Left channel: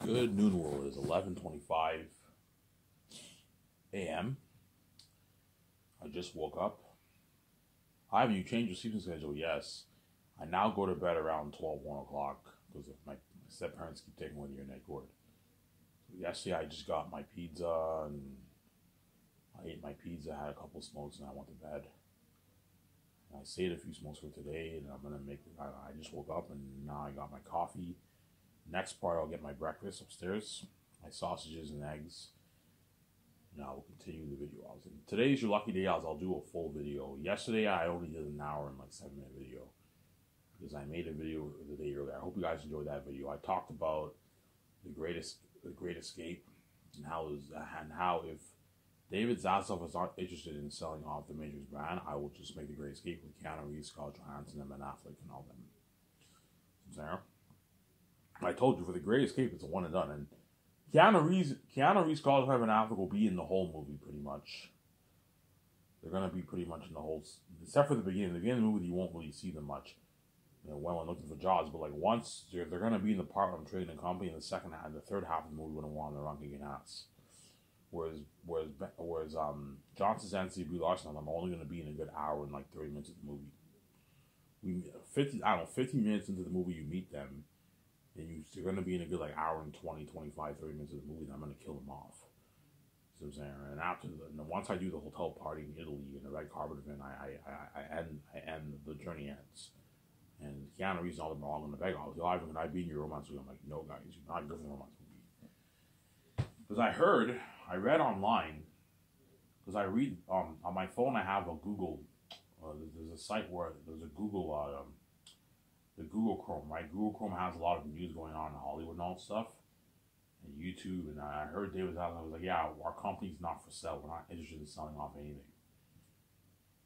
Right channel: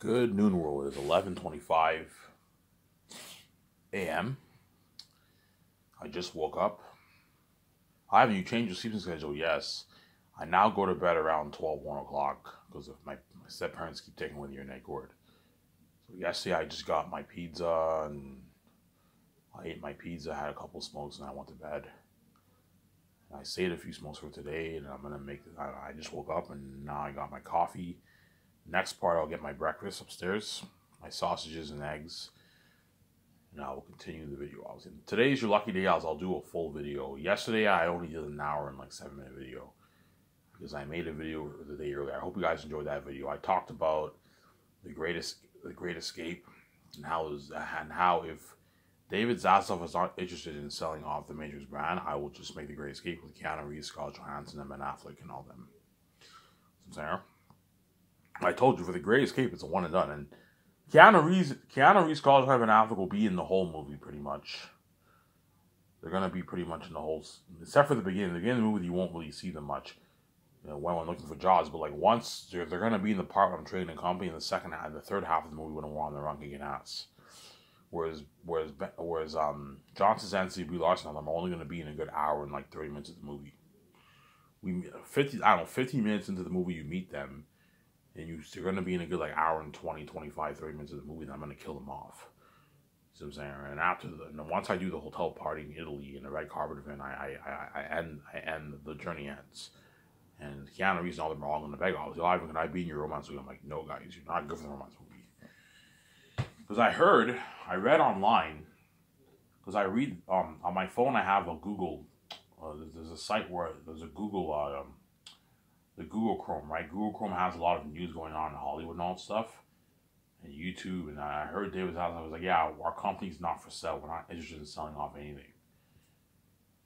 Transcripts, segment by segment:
Good noon world. It is 11:25 a.m. I just woke up. Have you changed your sleeping schedule? Yes. I now go to bed around 12, 1 o'clock because of my step parents keep taking with your neck cord. So yesterday I just got my pizza and I ate my pizza, had a couple smokes, and I went to bed. And I saved a few smokes for today, and I'm gonna make. I just woke up and now I got my coffee. Next part, I'll get my breakfast upstairs, my sausages and eggs, and I will continue the video. Today's your lucky day, I'll do a full video. Yesterday, I only did an hour and like 7-minute video because I made a video the day earlier. I hope you guys enjoyed that video. I talked about the Great Escape and how if David Zaslav is not interested in selling off the Matrix brand, I will just make the Great Escape with Keanu Reeves, Scarlett Johansson, and Ben Affleck and all them. So I told you for the Great Escape, it's a one and done. And Keanu Reeves, Scarlett Johansson, and Affleck will be in the whole movie pretty much. They're gonna be pretty much in the whole, except for the beginning. The beginning of the movie, you won't really see them much. You know, when we're looking for jobs, but like once they're gonna be in the part where I'm trading a company in the second half, the third half of the movie when we're on the run kicking ass. Whereas John Krasinski, Brie Larson, and them are only gonna be in a good hour and like 30 minutes of the movie. 15 minutes into the movie, you meet them. And you're going to be in a good like hour and 20, 25, 30 minutes of the movie, then I'm going to kill them off. See what I'm saying? And once I do the hotel party in Italy and the red carpet event, I end the journey ends. And Keanu Reeves and all them are all going to beg, oh, Ivan, can I be in your romance movie? I'm like, no, guys, you're not good for the romance movie. Because I read online, because I read, on my phone I have a Google, there's a site where, there's a Google, the Google Chrome, right? Google Chrome has a lot of news going on in Hollywood and all that stuff, and YouTube. And I heard David Zaslav was like, "Yeah, our company's not for sale. We're not interested in selling off anything."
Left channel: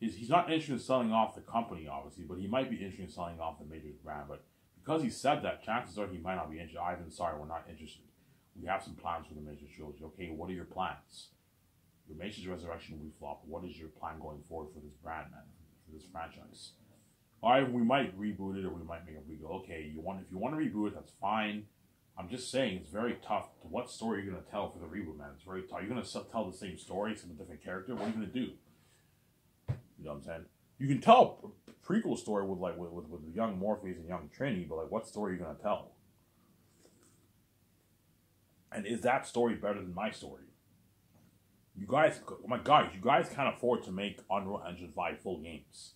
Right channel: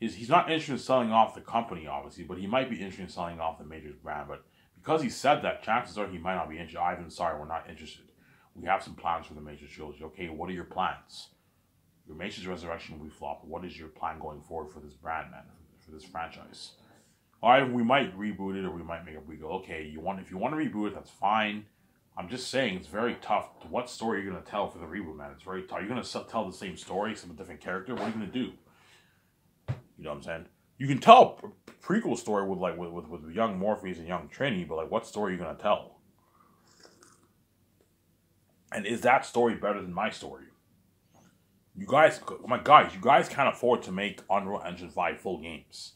He's not interested in selling off the company, obviously, but he might be interested in selling off the Matrix brand. But because he said that, chances are he might not be interested. Ivan, sorry, we're not interested. We have some plans for the Matrix trilogy. Okay, what are your plans? Your Matrix Resurrection will be flop. What is your plan going forward for this brand, man? For this franchise? Alright, we might reboot it or we might make a reboot. Okay, if you want to reboot it, that's fine. I'm just saying it's very tough. What story are you going to tell for the reboot, man? It's very tough. You're going to tell the same story, some different character. What are you going to do? You know what I'm saying? You can tell a prequel story with young Morpheus and young Trinity, but like, what story are you going to tell? And is that story better than my story? You guys can't afford to make Unreal Engine 5 full games.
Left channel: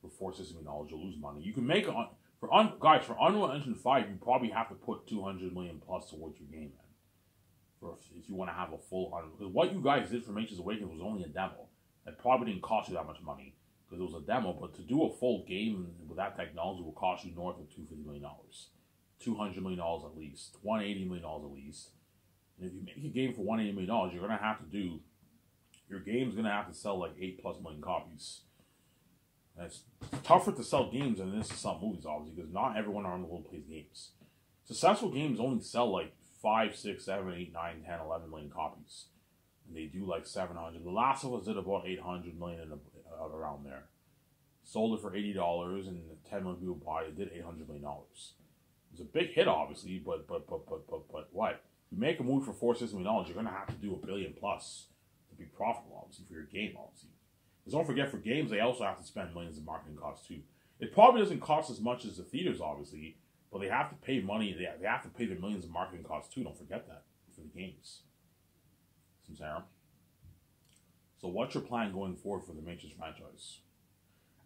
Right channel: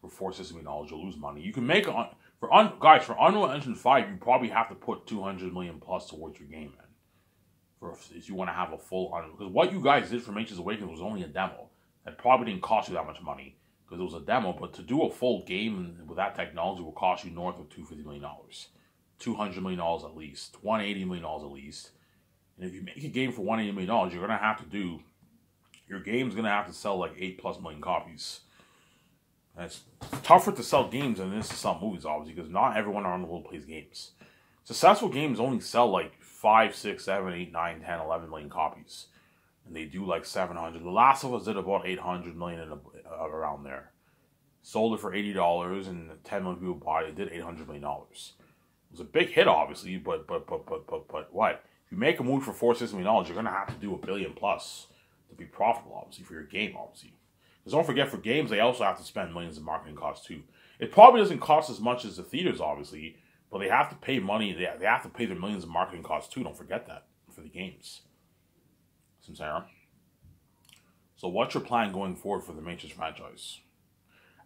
For $460 million, you'll lose money. You can make for Unreal Engine 5, you probably have to put $200 million plus towards your game, man. If you want to have a full Unreal, because what you guys did for Matrix Awakens was only a demo. It probably didn't cost you that much money because it was a demo. But to do a full game with that technology will cost you north of $250 million, $200 million at least, $180 million at least. And if you make a game for $180 million, you're gonna have to do. Your game's gonna have to sell like 8+ million copies. And it's tougher to sell games than it is to sell movies, obviously, because not everyone around the world plays games. Successful games only sell like 5, 6, 7, 8, 9, 10, 11 million copies. And they do like 700. The Last of Us did about 800 million around there. Sold it for $80 and 10 million people bought it. It did $800 million. It was a big hit, obviously, but what? If you make a movie for $460 million, you're going to have to do $1 billion plus to be profitable, obviously, for your game, obviously. Because don't forget, for games, they also have to spend millions in marketing costs, too. It probably doesn't cost as much as the theaters, obviously, but they have to pay money. They have to pay their millions in marketing costs, too. Don't forget that for the games. So what's your plan going forward for the Matrix franchise?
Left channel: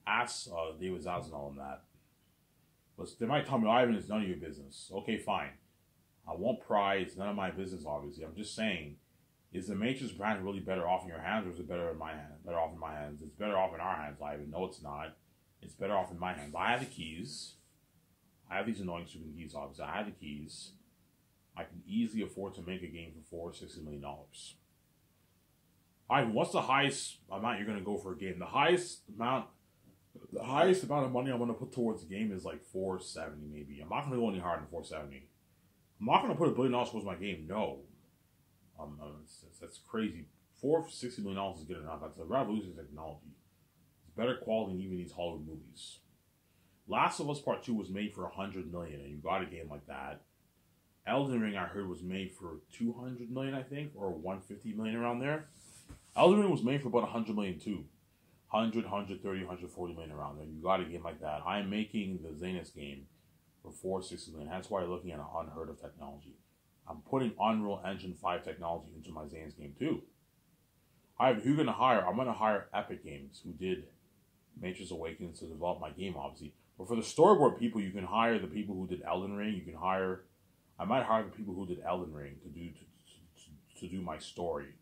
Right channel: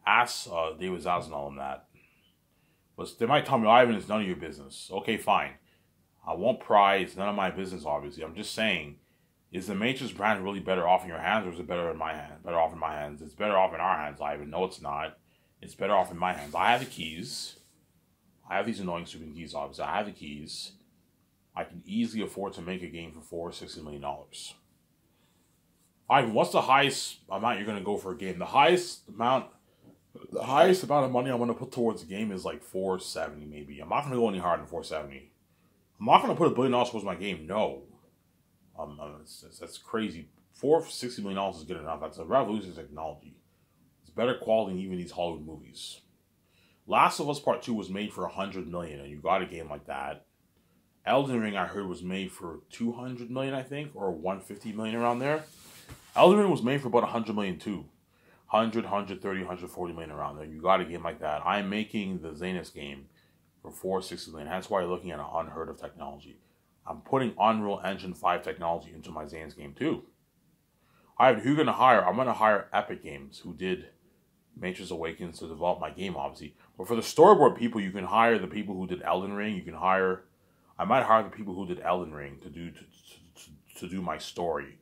Ask David Zaslav on that. But they might tell me, Ivan, it's none of your business. Okay, fine. I won't pry. It's none of my business, obviously. I'm just saying, is the Matrix brand really better off in your hands, or is it better in my hands? Better off in my hands. It's better off in our hands, Ivan. No, it's not. It's better off in my hands. I have the keys. I have these annoying stupid keys, obviously. I have the keys. I can easily afford to make a game for $460 million. Ivan, what's the highest amount you're going to go for a game? The highest amount of money I'm going to put towards a game is like $470, maybe. I'm not going to go any harder than $470. I'm not going to put $1 billion towards my game. No. That's crazy. $460 million is good enough. That's a revolutionary technology. It's better quality than even these Hollywood movies. Last of Us Part 2 was made for $100 million, and you got a game like that. Elden Ring, I heard, was made for 200 million, I think, or 150 million around there. Elden Ring was made for about 100 million too. 100, 130, 140 million around there. You got a game like that. I'm making the Xenos game for 460 million. That's why you're looking at an unheard of technology. I'm putting Unreal Engine 5 technology into my Xenos game too. Who are you going to hire? I'm going to hire Epic Games, who did Matrix Awakens, to develop my game, obviously. But for the storyboard people, you can hire the people who did Elden Ring. I might hire the people who did Elden Ring to do my story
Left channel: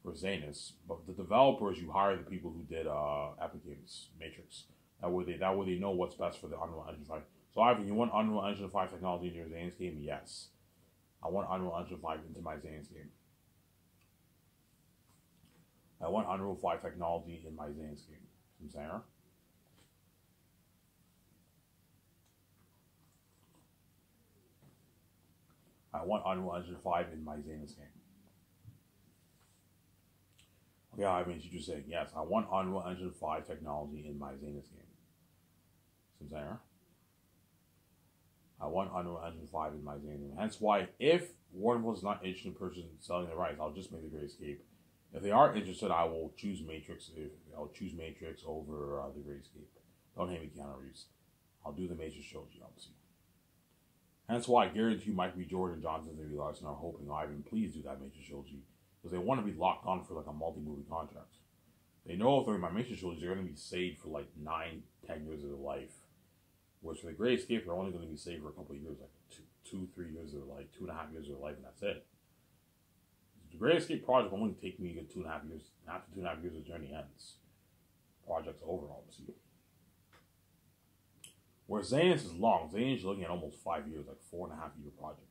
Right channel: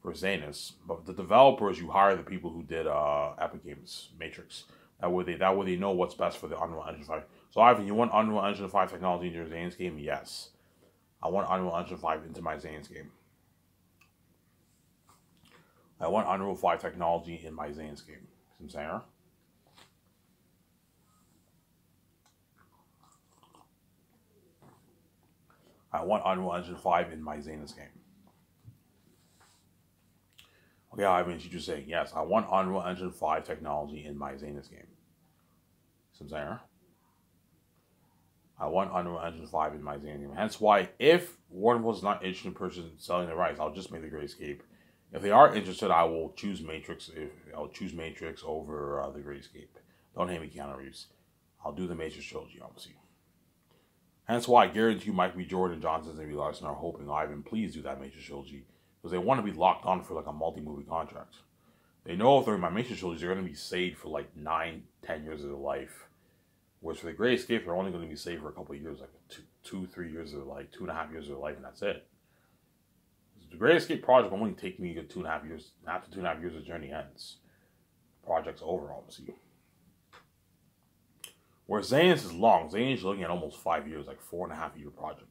for Xenos. But the developers, you hire the people who did Epic Games Matrix. That way they know what's best for the Unreal Engine 5. So Ivan, you want Unreal Engine 5 technology in your Xenos game? Yes. I want Unreal Engine 5 into my Xenos game. I want Unreal 5 technology in my Xenos game. See what I'm saying? I want Unreal Engine 5 in my Xenos game. Okay, Ivan, you just saying, yes, I want Unreal Engine 5 technology in my Xenos game. See what I'm saying? I want Unreal Engine 5 in my Xenos game. Hence why, if Warner Bros. Is not interested in purchasing selling the rights, I'll just make the Great Escape. If they are interested, I will choose Matrix. I'll choose Matrix over the Great Escape. Don't hate me, Keanu Reeves. I'll do the Matrix trilogy, obviously. Hence why I guarantee you Michael B. Jordan, Johnson, and B. Larson are hoping, Ivan, please do that Matrix trilogy. Because they want to be locked on for like a multi-movie contract. They know if they're in my Matrix trilogy, they're going to be saved for like 9, 10 years of their life. Whereas for the Great Escape, they're only going to be saved for a couple of years, like 2-3 years of their life, 2.5 years of their life, and that's it. The Great Escape project will only take me 2.5 years. After 2.5 years, the journey ends. The project's over, obviously. Where Xenos is long. Xenos is looking at almost 5 years, like 4.5-year project.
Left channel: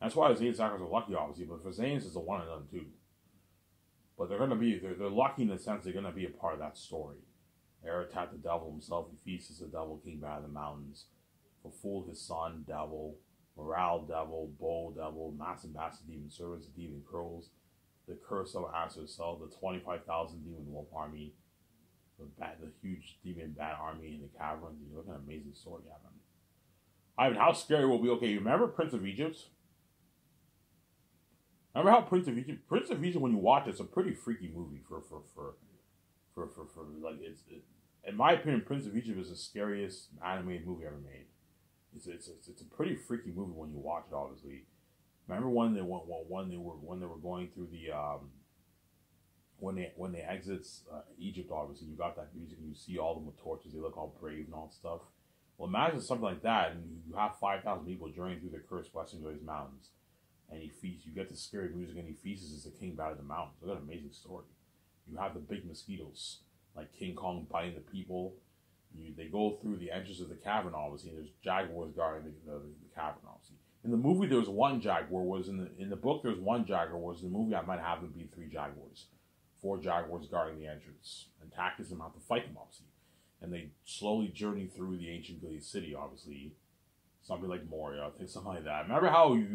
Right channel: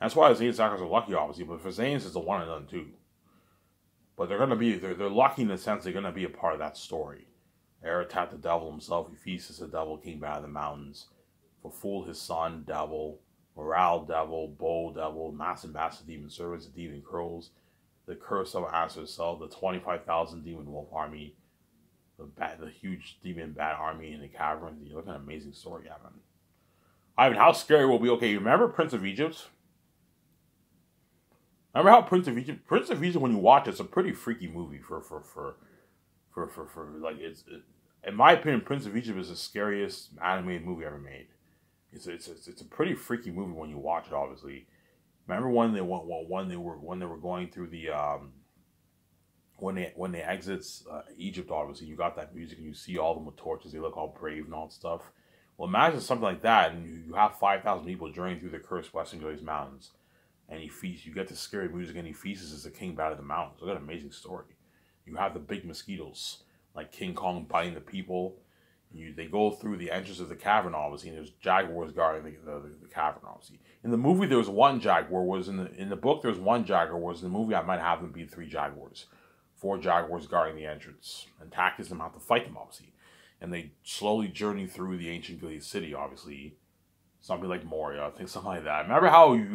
That's why the Xenos actors are lucky, obviously. But for Xenos, it's a one and done too. But they're lucky in the sense they're gonna be a part of that story. Aratat, the devil himself, Ephesus, the devil, came out of the mountains. Fool, his son, devil. Morale, devil. Bo, devil. Massive demon servants, the demon crows. The curse of Aster Cell, the 25,000 demon wolf army. The huge demon bat army in the cavern. You're looking at an amazing story, Ivan, how scary will it be? Okay, you remember Prince of Egypt? Remember how Prince of Egypt, when you watch it's a pretty freaky movie for like in my opinion, Prince of Egypt is the scariest animated movie ever made. It's a pretty freaky movie when you watch it. Obviously, remember when they were going through the when they exit Egypt. Obviously, you got that music and you see all of them with torches. They look all brave and all that stuff. Well, imagine something like that, and you have 5,000 people journeying through the cursed Western Glades Mountains. And you get the scary music, and he feasts as the king out of the mountains. Look at an amazing story. You have the big mosquitoes, like King Kong biting the people. They go through the entrance of the cavern, obviously, and there's jaguars guarding the cavern, obviously. In the movie, there was one jaguar. In the book, there was one jaguar. Whereas in the movie, I might have them be 3 jaguars. 4 jaguars guarding the entrance. And Takis them have to fight them, obviously. And they slowly journey through the ancient Gilead city, obviously. Something like Moria, I think something like that. Remember how it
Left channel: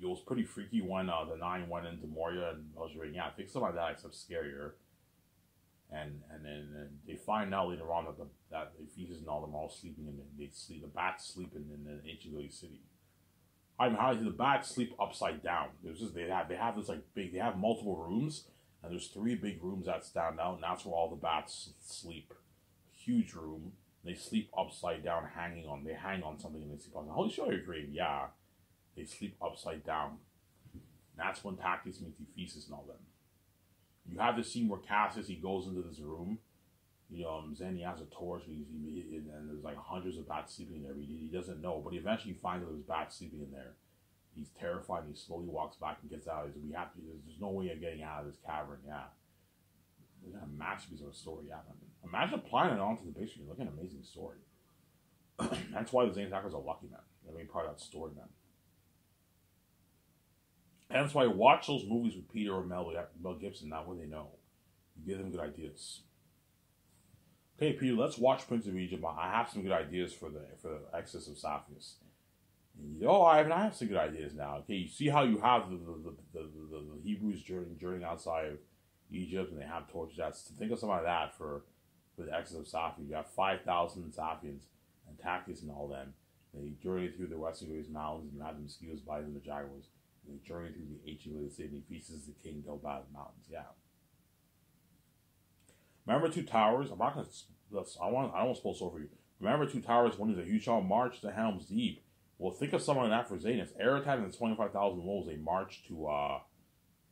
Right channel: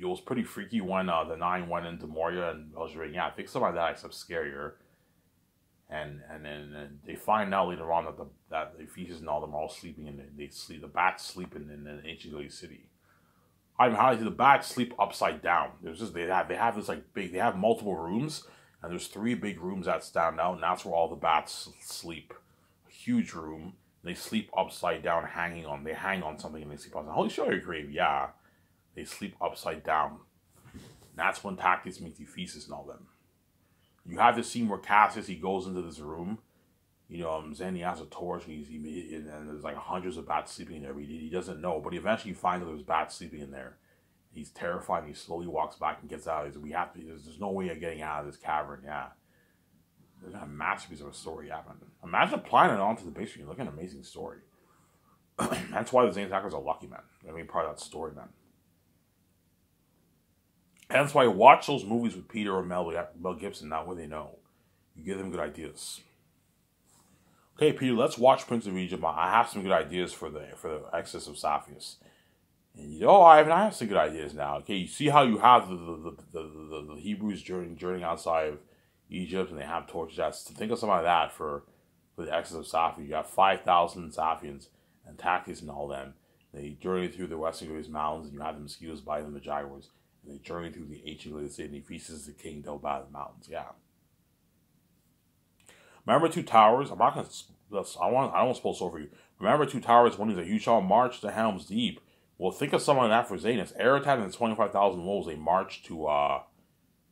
was pretty freaky when the 9 went into Moria and Belgravia? Yeah, I think something like that, except scarier. And then they find out later on that the Ephesus and all them are all sleeping, and the bats sleep in the ancient Gilead city. I mean, how the bats sleep upside down. They have this like big, they have multiple rooms, and there's 3 big rooms that stand out, and that's where all the bats sleep. A huge room. They sleep upside down, they hang on something and they sleep upside down. Holy shit, you're crazy. Yeah. They sleep upside down. And that's when Takis meets Ephesus and all them. You have the scene where Cassius, he goes into this room. Then he has a torch and there's like hundreds of bats sleeping in there. He doesn't know, but he eventually finds that there's bats sleeping in there. He's terrified and he slowly walks back and gets out. There's no way of getting out of this cavern. Yeah. There's a masterpiece of a story happening. Imagine applying it onto the big screen. Look at an amazing story. That's why the Xenos actors are lucky, man. I mean, part of that story, man. And that's why I watch those movies with Peter or Mel Gibson, not where they know. You give them good ideas. Okay, Peter, let's watch Prince of Egypt. I have some good ideas for the Exodus of Sapphires. And I have some good ideas now. Okay, you see how you have the Hebrews journeying outside of Egypt, and they have torches. Think of something like that for the Exodus of Sapphires. You have 5,000 Saphians and Takis and all them. They journey through the Western Great Mountains, and you have the mosquitoes biting the jaguars. And they journey through the ancient Gilead city, and he feasts the king Del Bad mountains. Yeah. Remember Two Towers? I'm not gonna. I don't spoil so for you. Remember Two Towers when he's like, "You shall march to Helm's Deep." Well, think of someone like that for Zanus. Eretat and his 25,000 wolves. They march to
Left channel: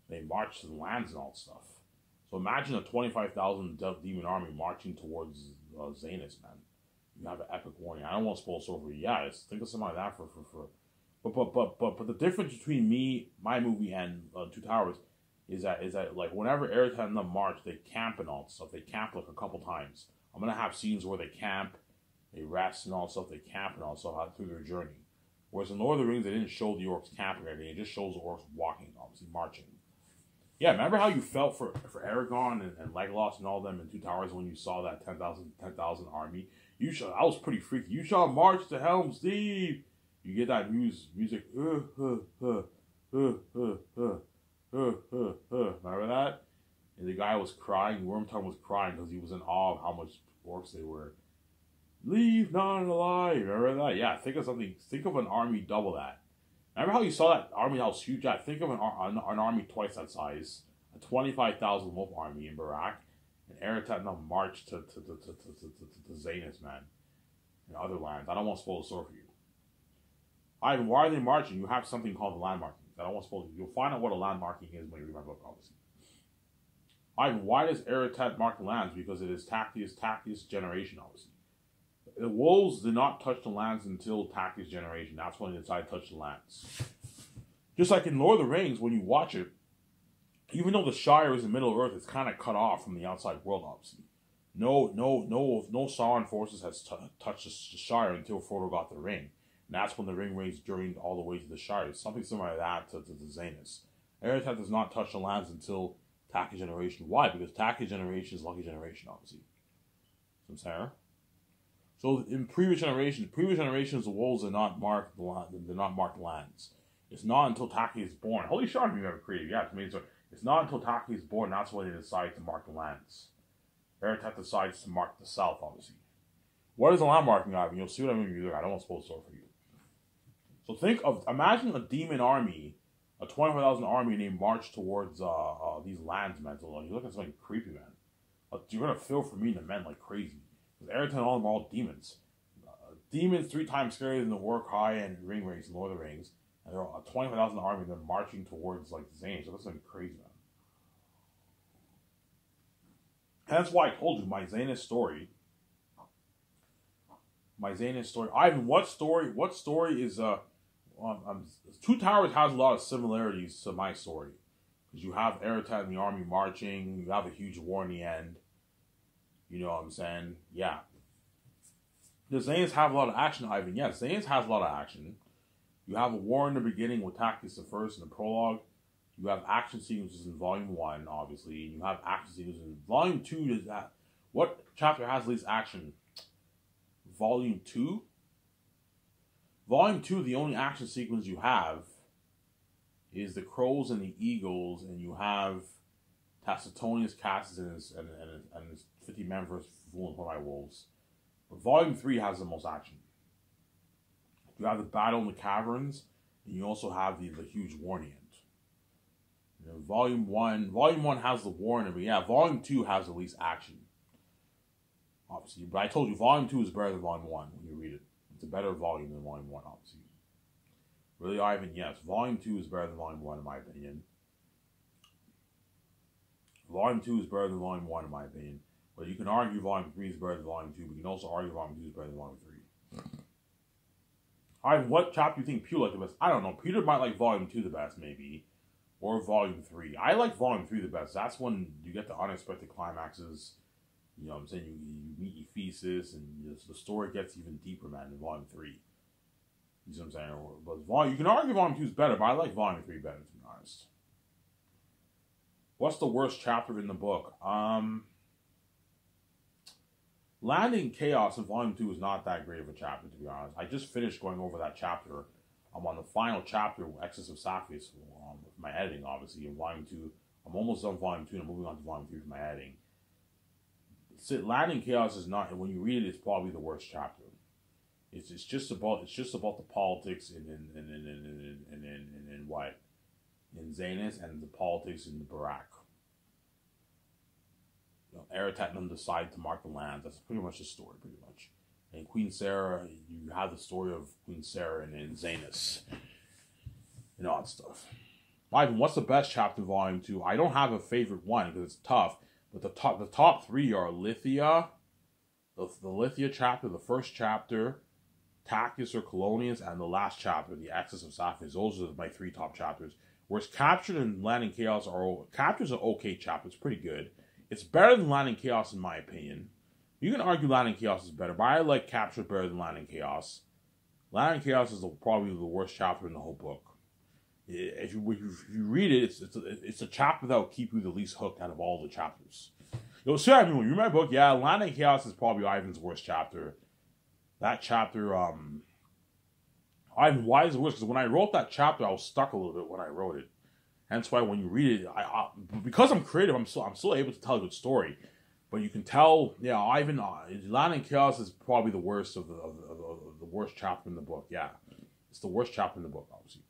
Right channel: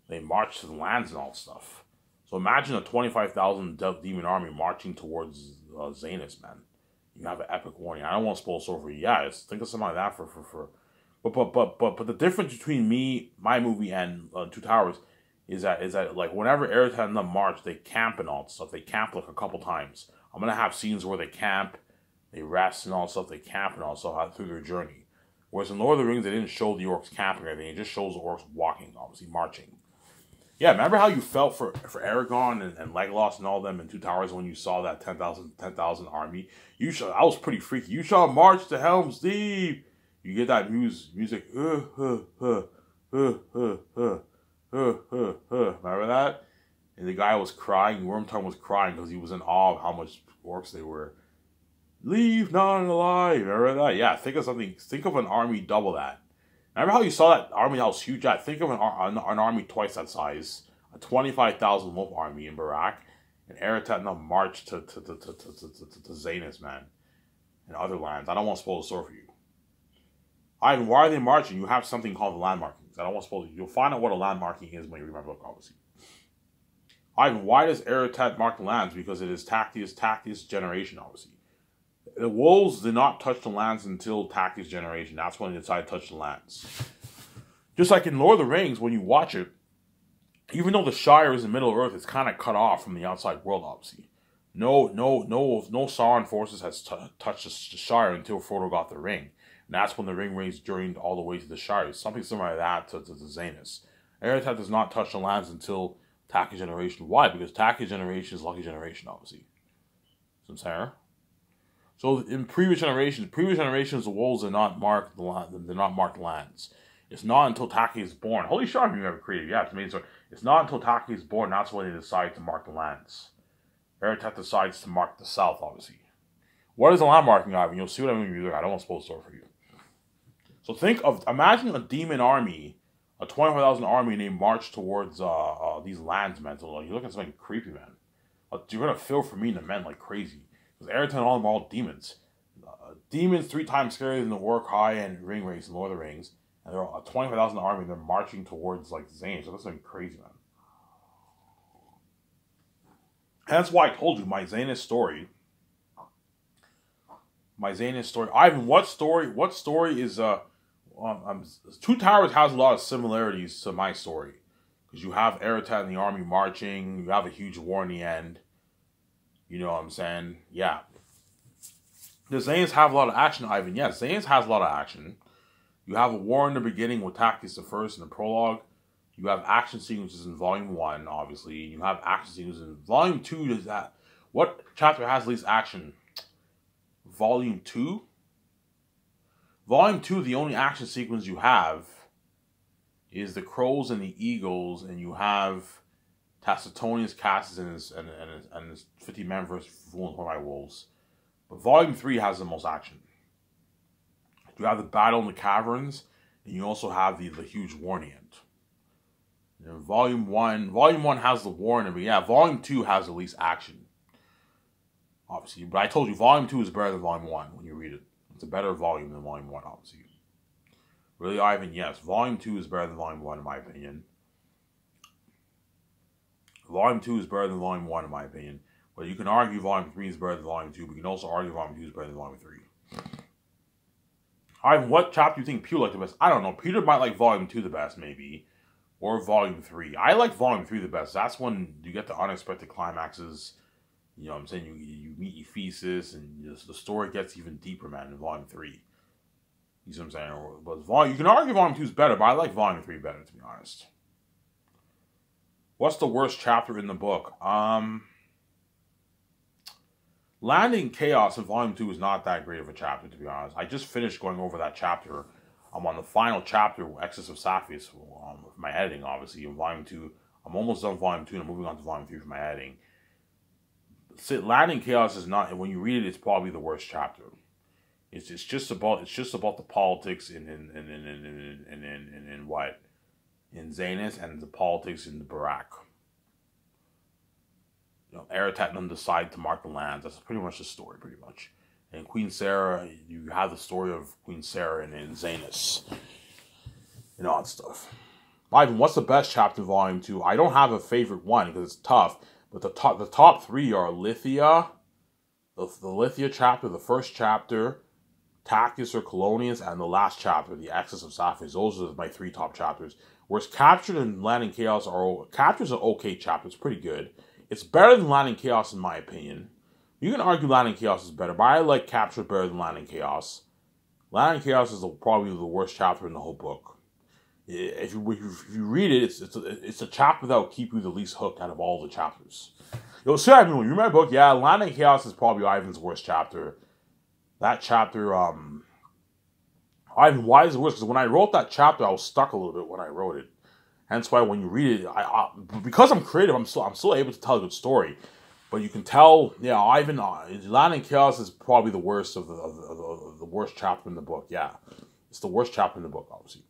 the lands and all stuff. So imagine a 25,000 demon army marching towards Zanus, man. You have an epic warning. I don't want to spoil so for you. Yeah, think of something like that for. But the difference between my movie, and Two Towers is that like whenever Eretat and them march, they camp and all stuff. They camp like a couple times. I'm gonna have scenes where they camp, they rest and all stuff. They camp and all stuff through their journey. Whereas in Lord of the Rings, they didn't show the orcs camping or anything. It just shows the orcs walking, obviously marching. Yeah, remember how you felt for Aragorn and Legolas and all them in Two Towers when you saw that 10,000 army? I was pretty freaky. You shall march to Helm's Deep. You get that music. Remember that? And the guy was crying. Wormtongue was crying because he was in awe of how much orcs they were. Leave none alive. Remember that? Yeah, think of something. Think of an army double that. Remember how you saw that army that was huge? Yeah, think of an army twice that size. A 25,000 wolf army in Barak. And Eretat now marched to Zanus, man. And other lands. I don't want to spoil the story for you. Ivan, why are they marching? You have something called the land markings. I don't want to spoil it. You'll find out what a land marking is when you read my book, obviously. Ivan, why does Eretat mark the lands? Because it is Tactius generation, obviously. The wolves did not touch the lands until Tactius generation. That's when they decided to touch the lands. Just like in Lord of the Rings, when you watch it, even though the Shire is in the middle of Earth, it's kind of cut off from the outside world, obviously. No Sauron forces has touched the Shire until Frodo got the ring. And that's when the ring race journeyed all the way to the Shire. Something similar to that to Zanus. Eretat does not touch the lands until Tactius generation. Why? Because Tactius generation is lucky generation, obviously. So I'm saying. So in previous generations, the wolves did not mark the lands. It's not until Taki is born. Holy shit, you ever created? Yeah, it's amazing. So it's not until Taki is born. That's when they decide to mark the lands. Eretat decides to mark the south, obviously. What is a land marking, Ivan? You'll see what I mean. I don't want to spoil the story for you. So imagine a demon army, a 25,000 army, and they march towards these lands, man. So you look at something creepy, man. You're gonna feel for me and the men like crazy. Because Eretat and all of them are all demons. Demons 3 times scarier than the Uruk-hai and Ring Race and Lord of the Rings. And they're a 25,000 army, and they're marching towards like Zane. So that's something crazy, man. And that's why I told you my Zanus story. Ivan, what story is Two Towers has a lot of similarities to my story. Because you have Eretat and the army marching, you have a huge war in the end. You know what I'm saying? Yeah. Does Zanus have a lot of action, Ivan? Yes, Zanus has a lot of action. You have a war in the beginning with Tactius the First in the prologue. You have action sequences in Volume 1, obviously. You have action sequences in Volume 2. Does that? What chapter has least action? Volume 2? Volume 2, the only action sequence you have is the crows and the eagles, and you have Tacitonius, Cassus, and his 50 men versus Fool and 25 wolves. But Volume 3 has the most action. You have the battle in the caverns, and you also have the huge war in the end. You know, Volume 1 has the war in it, but yeah, Volume 2 has the least action. Obviously, but I told you, Volume 2 is better than Volume 1 when you read it. It's a better volume than Volume 1, obviously. Really, Ivan, yes, Volume 2 is better than Volume 1, in my opinion. Volume 2 is better than Volume 1, in my opinion. But you can argue Volume 3 is better than Volume 2, but you can also argue Volume 2 is better than Volume 3. Ivan, what chapter do you think Peter liked the best? I don't know. Peter might like Volume 2 the best, maybe. Or Volume 3. I like Volume 3 the best. That's when you get the unexpected climaxes. You know what I'm saying? You meet Ephesus, and the story gets even deeper, man, in Volume 3. You see what I'm saying? But you can argue Volume 2 is better, but I like Volume 3 better, to be honest. What's the worst chapter in the book? Landing Chaos in Volume 2 is not that great of a chapter, to be honest. I just finished going over that chapter. I'm on the final chapter, Excess of Sapphis, with my editing, obviously, in Volume 2. I'm almost done with Volume 2, and I'm moving on to Volume 3 for my editing. Landing Chaos is not, when you read it, it's probably the worst chapter. It's just about the politics in what in Zanus and the politics in the Barack. You know, Aratat and them decide to mark the lands. That's pretty much the story, pretty much. And Queen Sarah, you have the story of Queen Sarah and Zanus and all that stuff. Ivan, what's the best chapter in Volume 2? I don't have a favorite one because it's tough, but the top three are Lithia, the Lithia chapter, the first chapter, Tachys or Colonius, and the last chapter, the Exodus of Sapphiros. Those are my three top chapters. Whereas Captured and Land in Chaos Captured's an okay chapter. It's pretty good. It's better than Land in Chaos in my opinion. You can argue Land in Chaos is better, but I like Captured better than Land in Chaos. Land in Chaos is probably the worst chapter in the whole book. If you read it, it's a chapter that will keep you the least hooked out of all the chapters. You'll see, I mean, when you read my book, yeah, Land in Chaos is probably Ivan's worst chapter. That chapter, Ivan, why is it worse? Because when I wrote that chapter, I was stuck a little bit when I wrote it. Hence why when you read it, because I'm creative, I'm still able to tell a good story. But you can tell, yeah, Ivan, Land in Chaos is probably the worst of the worst chapter in the book. Yeah, it's the worst chapter in the book, obviously.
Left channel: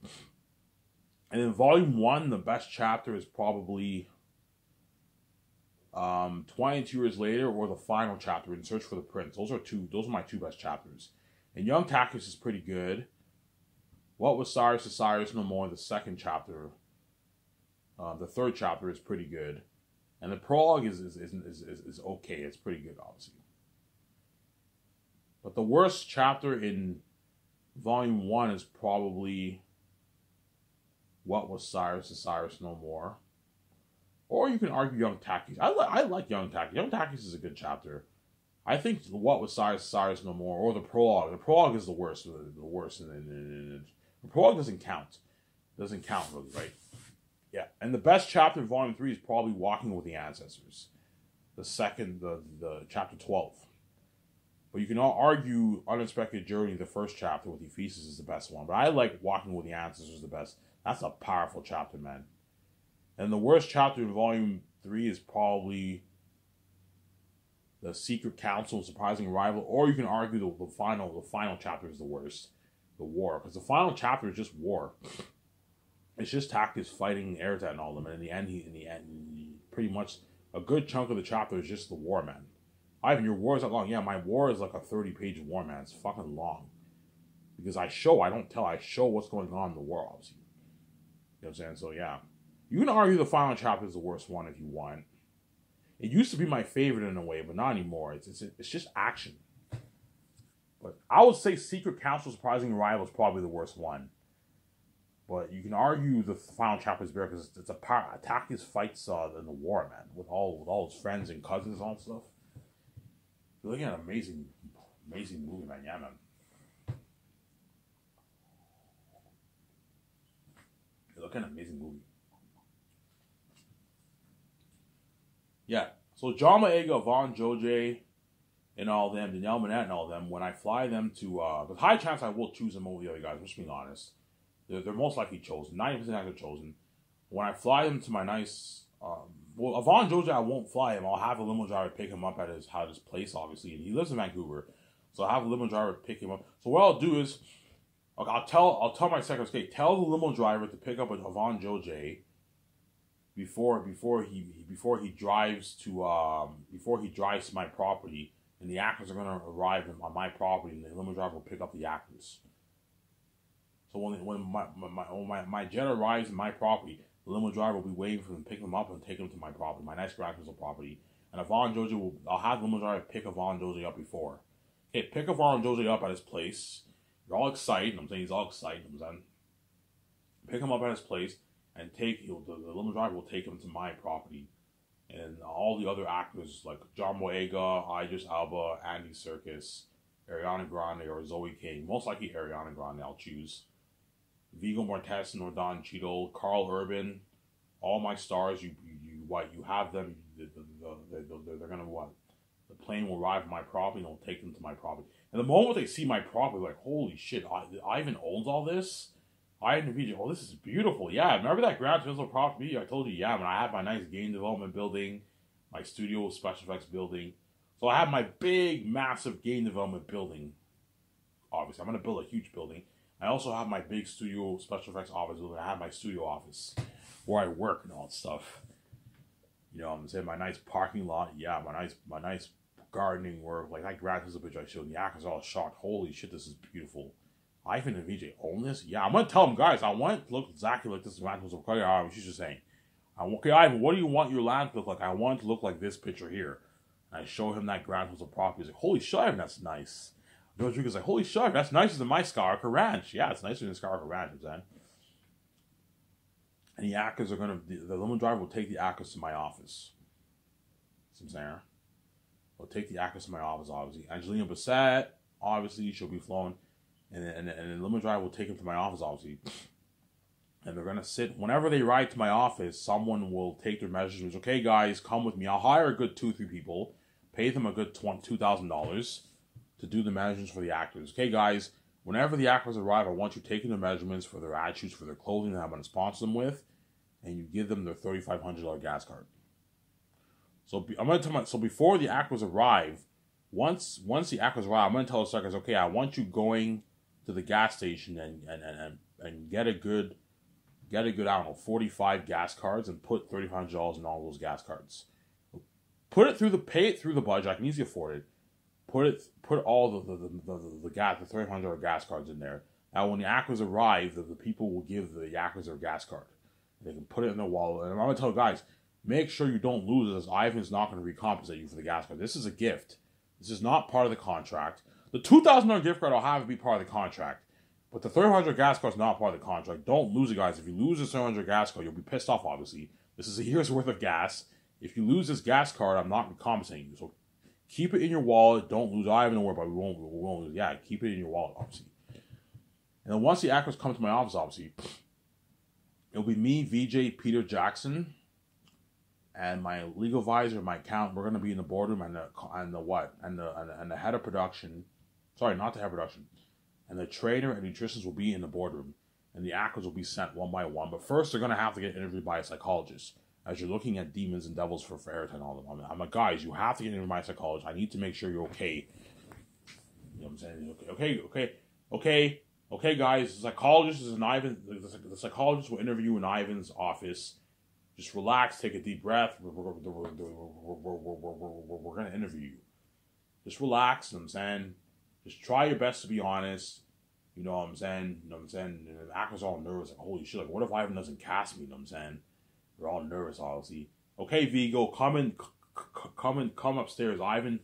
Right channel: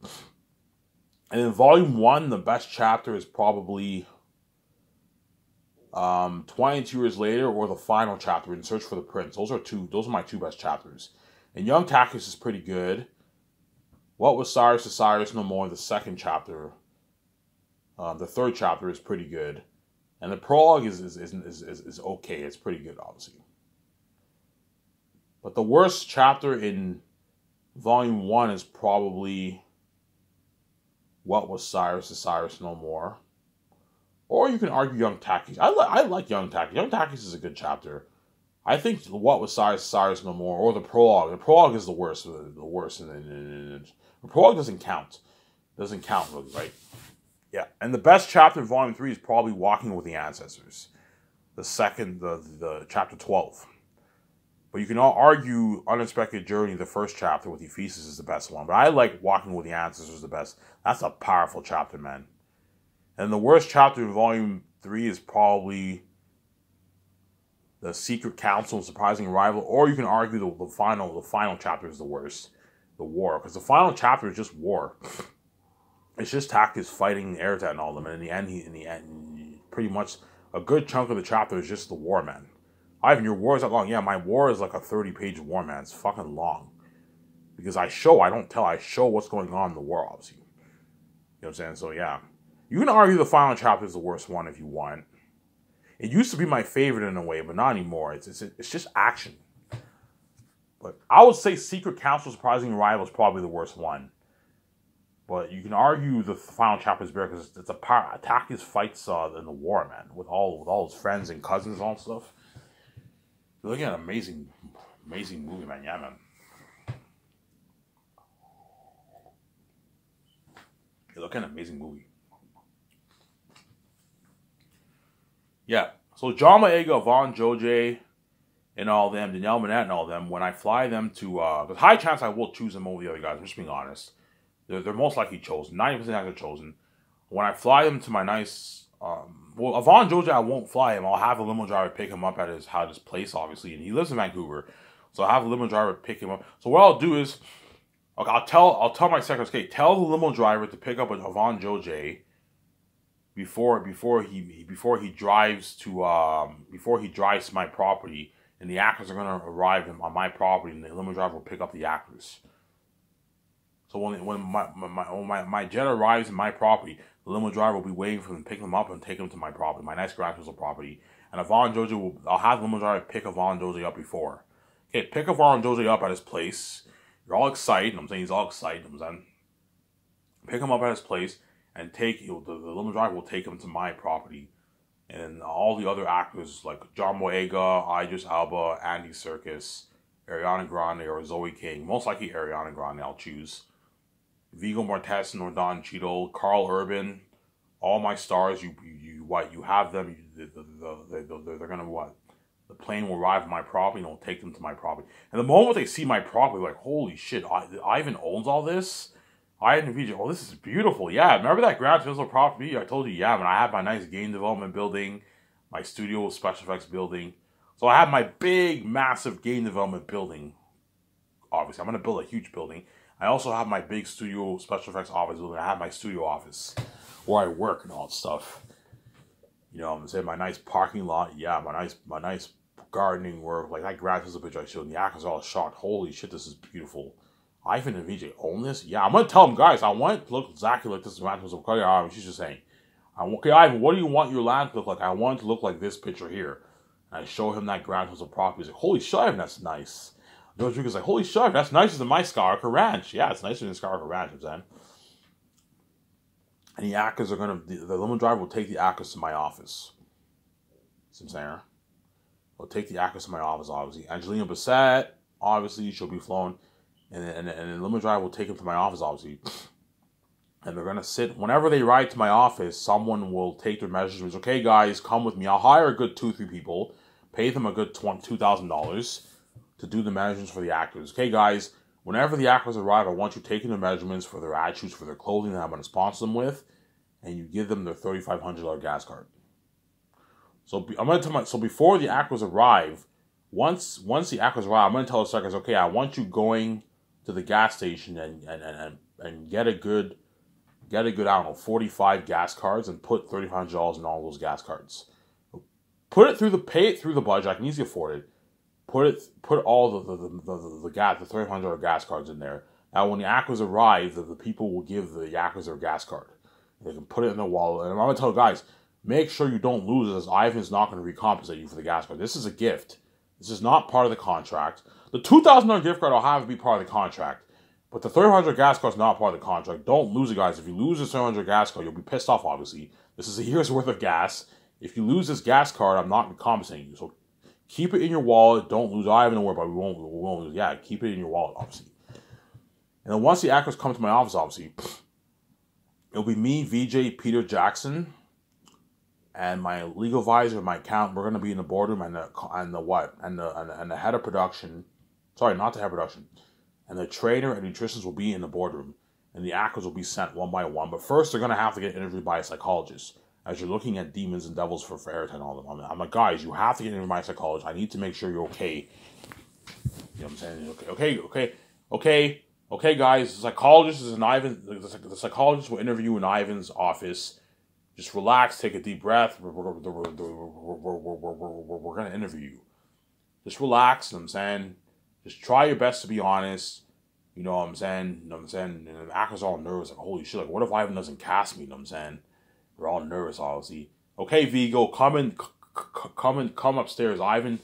And in Volume 1, the best chapter is probably 22 Years Later or the final chapter, In Search for the Prince. Those are my two best chapters. And Young Tachys is pretty good. What Was Cyrus to Cyrus No More, the second chapter. The third chapter is pretty good. And the prologue is okay. It's pretty good, obviously. But the worst chapter in Volume 1 is probably What Was Cyrus to Cyrus No More. Or you can argue Young Tachys. I like Young Tachys. Young Tachys is a good chapter. I think What Was Cyrus to Cyrus No More, or the prologue. The prologue is the worst. The worst. And the prologue doesn't count. Doesn't count, really, right? Yeah. And the best chapter in Volume 3 is probably Walking with the Ancestors. The chapter 12. But you can all argue Unexpected Journey, the first chapter with Ephesus, is the best one. But I like Walking with the Ancestors the best. That's a powerful chapter, man. And the worst chapter in Volume 3 is probably The Secret Council and Surprising Arrival. Or you can argue the final chapter is the worst. The war. Because the final chapter is just war. It's just Tachys fighting Aratat and all of them. And in the end, pretty much a good chunk of the chapter is just the war, man. Ivan, your war is that long. Yeah, my war is like a 30-page war, man. It's fucking long. Because I show what's going on in the war, obviously. You know what I'm saying? So, yeah. You can argue the final chapter is the worst one if you want. It used to be my favorite in a way, but not anymore. It's just action. But I would say Secret Council Surprising Arrival is probably the worst one. But you can argue the final chapter is better because it's Tachys fights in the war, man, with all his friends and cousins and all that stuff. You're looking at an amazing movie, man. Yeah, man. You're looking at an amazing movie. Yeah. So John Boyega, Yvonne Joje, and all them, Danielle Minette and all them, when I fly them to, there's a high chance I will choose them over the other guys, I'm just being honest. They're most likely chosen. 90% they're chosen. When I fly them to my nice, Yvonne Joje, I won't fly him. I'll have a limo driver pick him up at his place, obviously, and he lives in Vancouver, so I'll have a limo driver pick him up. So what I'll do is, okay, I'll tell my secretary, okay, tell the limo driver to pick up Yvonne Joje before he drives to my property, and the actors are gonna arrive on my property, and the limo driver will pick up the actors. So when my jet arrives in my property, the limo driver will be waiting for them to pick them up and take them to my property, my nice Grand Crystal property. And Yvonne Joje I'll have the limo driver pick Yvonne Joje up before. Okay, pick Yvonne Joje up at his place. You're all excited. I'm saying he's all excited. Pick him up at his place and the limo driver will take him to my property. And all the other actors like John Boyega, Idris Elba, Andy Serkis, Ariana Grande, or Zoe King. Most likely Ariana Grande I'll choose. Viggo Mortensen or Don Cheadle, Carl Urban, all my stars. You have them. They're gonna what? The plane will arrive at my property and it'll take them to my property. And the moment they see my property, like, holy shit, Ivan owns all this. Ivan VJ, oh, this is beautiful. Yeah, remember that Grand Crystal property? I told you, yeah, when I have my nice game development building, my studio special effects building. So I have my big, massive game development building obviously. I'm going to build a huge building. I also have my big studio special effects office building. I have my studio office where I work and all that stuff. You know, I'm saying my nice parking lot. Yeah, my nice gardening work. Like that grass is a bitch I showed. And the actors are all shocked. Holy shit, this is beautiful. Ivan and VJ own this? Yeah, I'm gonna tell them, guys, I want it to look exactly like this. She's just saying, okay, Ivan, what do you want your land to look like? I want it to look like this picture here. And I show him that Grand House of property. He's like, holy shit, Ivan, that's nice. George Lucas is like, holy shit, that's nicer than my Skywalker Ranch. Yeah, it's nicer than Skywalker Ranch, I'm saying. And the actors are gonna, the limo driver will take the actors to my office. See what I'm saying? We'll take the actors to my office, obviously. Angelina Bassett, obviously, she'll be flown. And the limo driver will take him to my office, obviously. And they're going to sit. Whenever they ride to my office, someone will take their measurements. Okay, guys, come with me. I'll hire a good 2-3 people. Pay them a good $2,000 to do the measurements for the actors. Okay, guys, whenever the actors arrive, I want you taking the measurements for their ad shoots, for their clothing that I'm going to sponsor them with. And you give them their $3,500 gas card. So I'm going to tell so before the actors arrive, once the actors arrive, I'm going to tell the suckers, okay, I want you going to the gas station and get a good, I don't know, 45 gas cards and put $3,500 in all those gas cards. Pay it through the budget. I can easily afford it. Put all the $300 gas cards in there. Now when the actors arrive, the people will give the actors their gas card. They can put it in their wallet. And I'm going to tell guys, make sure you don't lose it, as Ivan's not going to recompensate you for the gas card. This is a gift. This is not part of the contract. The $2,000 gift card I'll have to be part of the contract. But the $300 gas card is not part of the contract. Don't lose it, guys. If you lose this $300 gas card, you'll be pissed off, obviously. This is a year's worth of gas. If you lose this gas card, I'm not compensating you. So keep it in your wallet. Don't lose it. I don't worry about it. We won't lose it. Yeah, keep it in your wallet, obviously. And then once the actors come to my office, obviously, it'll be me, VJ, Peter Jackson, and my legal advisor, my accountant. We're gonna be in the boardroom, and the head of production. Sorry, not the head of production. And the trainer and nutritionists will be in the boardroom, and the actors will be sent one by one. But first, they're gonna have to get interviewed by a psychologist. As you're looking at demons and devils for Airtime and all of them, I'm like, guys, you have to get interviewed by a psychologist. I need to make sure you're okay. You know what I'm saying? Okay, guys. The psychologist is in Ivan. The psychologist will interview in Ivan's office. Just relax, take a deep breath. We're gonna interview you. Just relax. You know what I'm saying? Just try your best to be honest. You know what I'm saying? You know what I'm saying? And the actors are all nervous. Like, holy shit, like, what if Ivan doesn't cast me? You know what I'm saying? We're all nervous, obviously. Okay, Vigo, come upstairs. Ivan,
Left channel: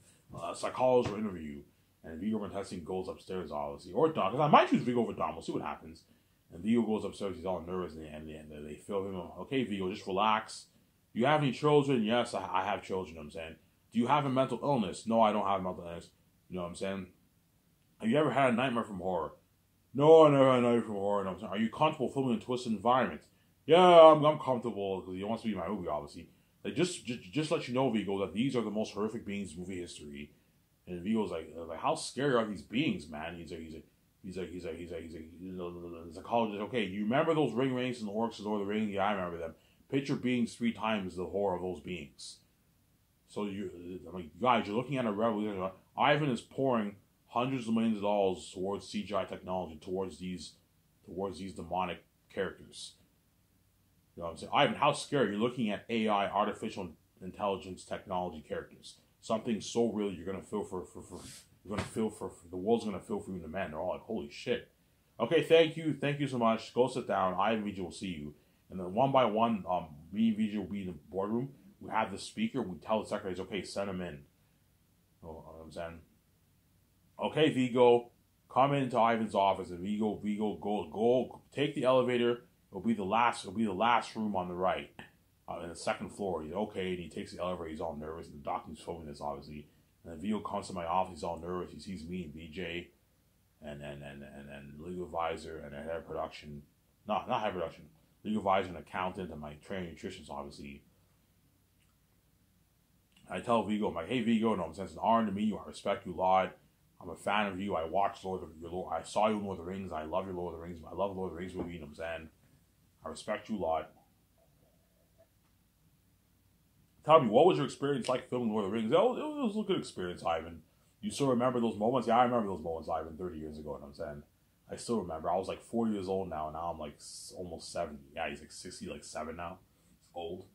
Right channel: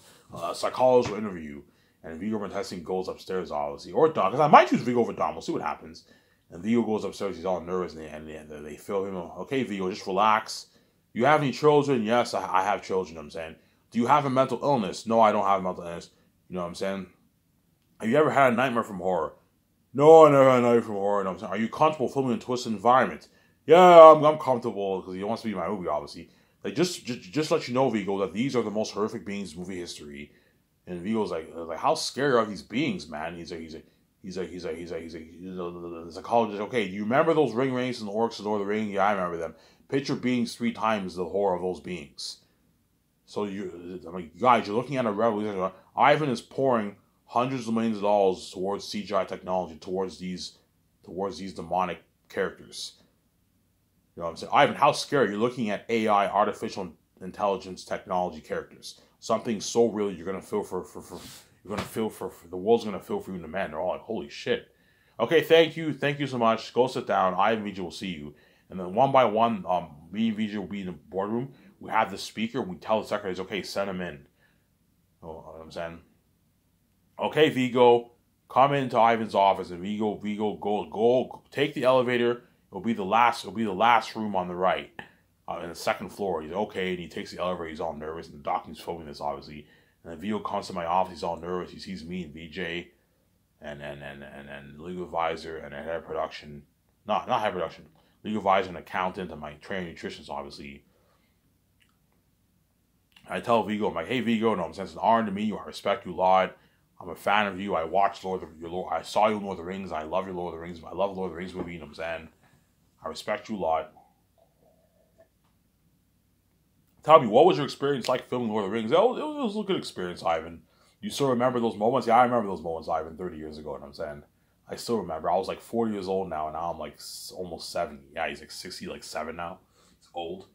psychologist will interview you. And Vigo from testing goes upstairs, obviously. Or Dom, because I might choose Vigo over Dom. We'll see what happens. And Vigo goes upstairs. He's all nervous. And they feel him. Okay, Vigo, just relax. You have any children? Yes, I have children, you know what I'm saying. Do you have a mental illness? No, I don't have a mental illness. You know what I'm saying? Have you ever had a nightmare from horror? No, I never had a nightmare from horror. You know what I'm saying? Are you comfortable filming in a twisted environment? Yeah, I'm comfortable, because he wants to be in my movie, obviously. Like, just let you know, Vigo, that these are the most horrific beings in movie history. And Vigo's like, how scary are these beings, man? He's a psychologist. Okay, do you remember those ring races and the orcs and Lord of the Rings? Yeah, I remember them. Picture beings 3 times the horror of those beings. So guys, you're looking at a revolution. Ivan is pouring hundreds of millions of dollars towards CGI technology, towards these demonic characters. You know what I'm saying? Ivan, how scary. You're looking at AI, artificial intelligence technology characters. Something so real you're gonna feel for the world's gonna feel for you and the man. They're all like, holy shit. Okay, thank you so much. Go sit down. I and VJ will see you. And then one by one, me and VJ will be in the boardroom. We have the speaker. We tell the secretaries, okay, send him in. You know what I'm saying? Okay, Vigo, come into Ivan's office, and Vigo, go, take the elevator. It'll be the last room on the right, in the second floor. He's okay, and he takes the elevator. He's all nervous, and the doctor's filming this, obviously. And then Vigo comes to my office. He's all nervous. He sees me and VJ, and legal advisor and a head of production. Not head of production. Legal advisor and accountant, and my trainer nutritionist, obviously. I tell Vigo, I'm like, hey Vigo, no, I'm saying it's an honor to meet you. I respect you a lot. I'm a fan of you. I watched I saw you in Lord of the Rings. I love your Lord of the Rings. I love Lord of the Rings movie. You know what I'm saying? I respect you a lot. Tell me, what was your experience like filming Lord of the Rings? It was a good experience, Ivan. You still remember those moments? Yeah, I remember those moments, Ivan, 30 years ago, you know what I'm saying? I still remember. I was like 40 years old now, and now I'm like almost 70. Yeah, he's like 60, like 7 now. He's old.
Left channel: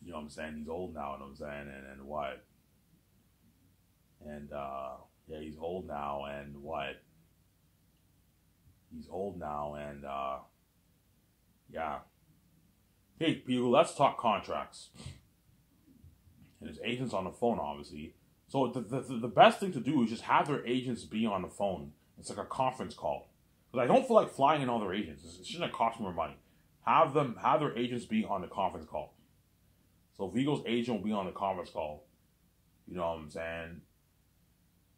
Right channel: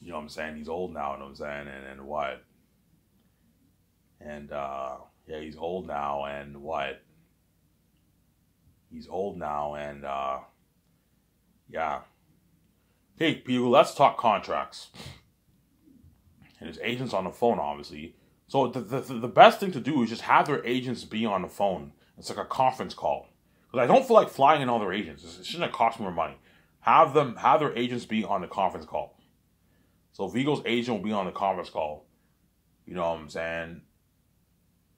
You know what I'm saying? He's old now, you know what I'm saying? And what? And, yeah, he's old now, and what? He's old now, and, yeah. Hey, people, let's talk contracts. And his agent's on the phone, obviously. So the best thing to do is just have their agents be on the phone. It's like a conference call. Because I don't feel like flying in all their agents. It shouldn't cost more money. Have their agents be on the conference call. So Vigo's agent will be on the conference call. You know what I'm saying?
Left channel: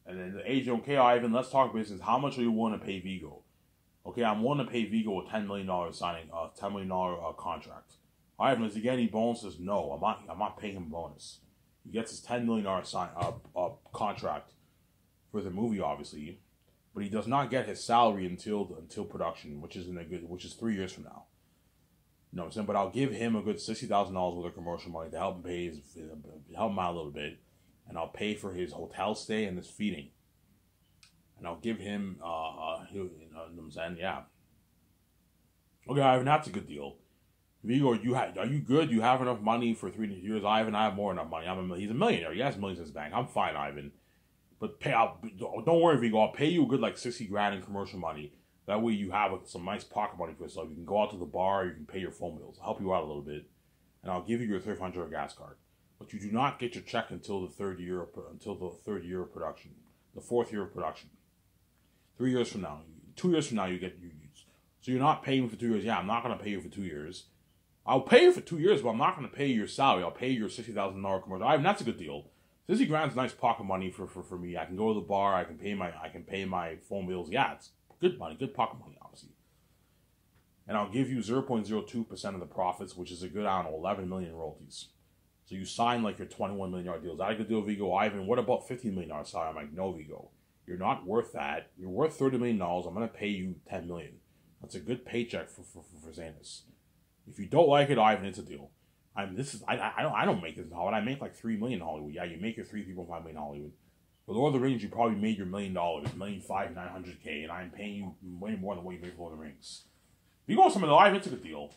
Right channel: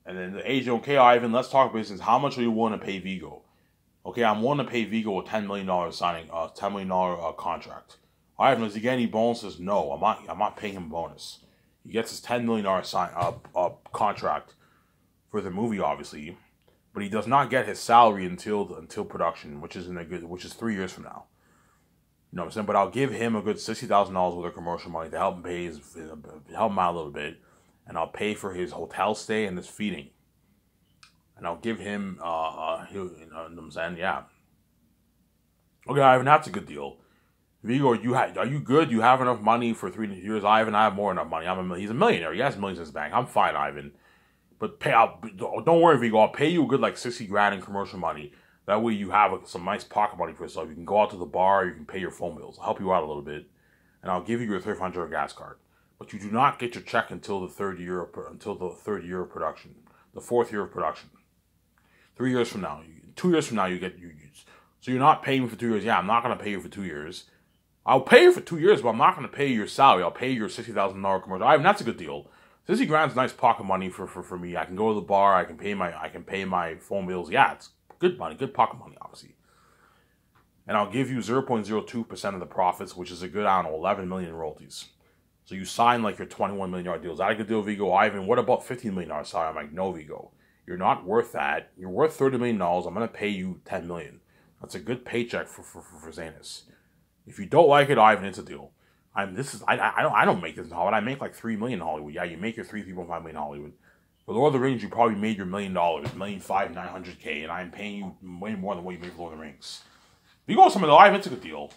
And then the agent, okay, Ivan, let's talk business. How much are you willing to pay Vigo? Okay, I'm willing to pay Vigo a $10 million signing, $10 million contract. Ivan, does he get any bonuses? No, I'm not paying him a bonus. He gets his $10 million contract for the movie, obviously, but he does not get his salary until production, which is 3 years from now. You know what I'm saying? But I'll give him a good $60,000 worth of commercial money to help him out a little bit, and I'll pay for his hotel stay and his feeding. And I'll give him, you know what I'm saying? Yeah. Okay, Ivan, that's a good deal. Vigo, are you good? You have enough money for 3 years? Ivan, I have more than enough money. He's a millionaire. He has millions in his bank. I'm fine, Ivan. But don't worry, Vigo. I'll pay you a good like 60 grand in commercial money. That way you have some nice pocket money for yourself. You can go out to the bar. You can pay your phone bills. I'll help you out a little bit, and I'll give you your $300 gas card. But you do not get your check until the third year of production, the 4th year of production. 3 years from now, 2 years from now, you get. So you're not paying me for 2 years. Yeah, I'm not going to pay you for 2 years. I'll pay you for 2 years, but I'm not going to pay you your salary. I'll pay you your $60,000 commercial. I mean, that's a good deal. 60 grand's nice pocket money for me. I can go to the bar. I can pay my phone bills. Yeah, it's good money, good pocket money, obviously. And I'll give you 0.02% of the profits, which is a good, I don't know, 11 million in royalties. So you sign like your $21 million deal. Is that a good deal, Vigo? Ivan, what about $15 million salary? I'm like, no, Vigo. You're not worth that. You're worth $30 million. I'm going to pay you $10 million. That's a good paycheck for Zanus. If you don't like it, Ivan, it's a deal. I don't make this in Hollywood. I make like $3 million in Hollywood. Yeah, you make your $3.5 million in Hollywood. For Lord of the Rings, you probably made your $1 million, $1,500,900K, and I'm paying you way more than what you made for Lord of the Rings. Vigo, some of the Ivan, it's a good deal.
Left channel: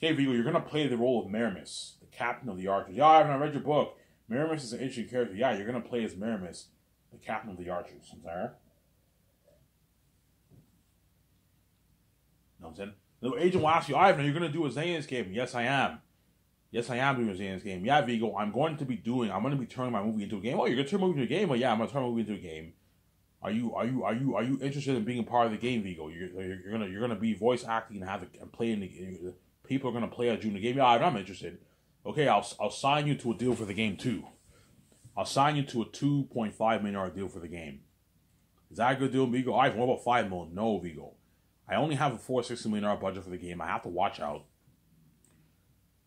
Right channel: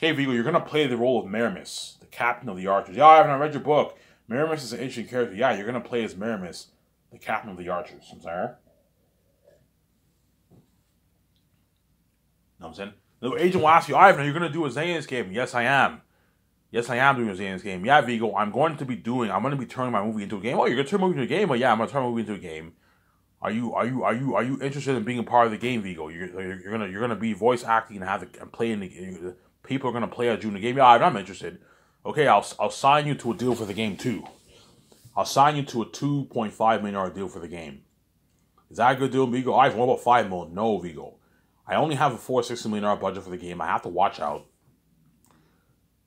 Hey, Vigo, you're gonna play the role of Meramis, the captain of the Archers. Yeah, Ivan, I read your book. Meramis is an interesting character. Yeah, you're gonna play as Meramis, the captain of the Archers. I'm sorry. Know what I'm saying? The agent will ask you, Ivan, are you going to do a Zanus game? Yes, I am. Yes, I am doing a Zanus game. Yeah, Vigo, I'm going to be turning my movie into a game. Oh, you're going to turn my movie into a game? Well, yeah, I'm going to turn my movie into a game. Are you interested in being a part of the game, Vigo? You're gonna be voice acting and play in the people are gonna play as you in the game. Yeah, I'm interested. Okay, I'll sign you to a deal for the game too. I'll sign you to a $2.5 million deal for the game. Is that a good deal, Vigo? Ivan, what about $5 million? No, Vigo. I only have a $460 million budget for the game. I have to watch out.